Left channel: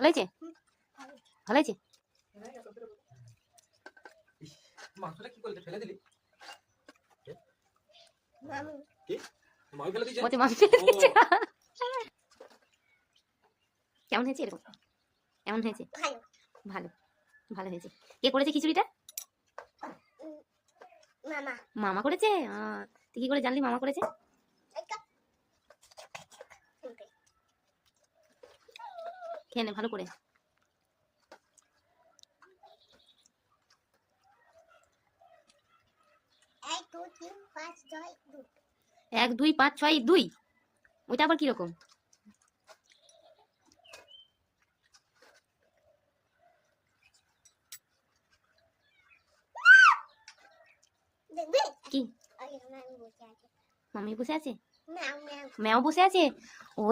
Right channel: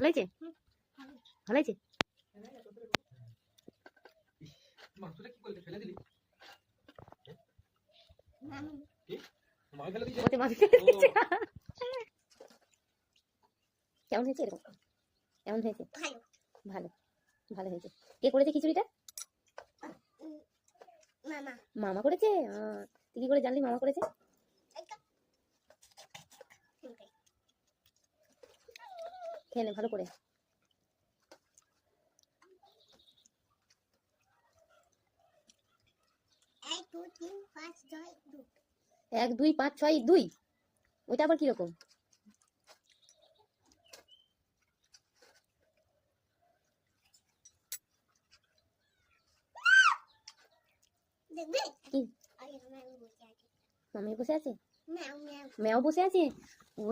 ভালো হয়েছে? ভালো হয়েছে? মাংসটা কি করলি, ফেলে দিলি? মামু কি মামি ফেলে দিয়েছে? মতি মামি ফেলে দিয়েছে। কেমন হয়েছে? এরকম কেমন হয়েছে? ভালো ভালো, ভালো হয়েছে। কে করেছে খিচুড়িটা? মামা মামা করেছে? তুই কি করে জানলি মামা করেছে? খেয়ে নে ভালো করে। 1 2 5 6 2 ওইটা আবার কিরকম? দেখবে কি আগে মামু বসে আছে মামি বসে আছে? ম্যাও ম্যাও ম্যাও বসে আছে? ওই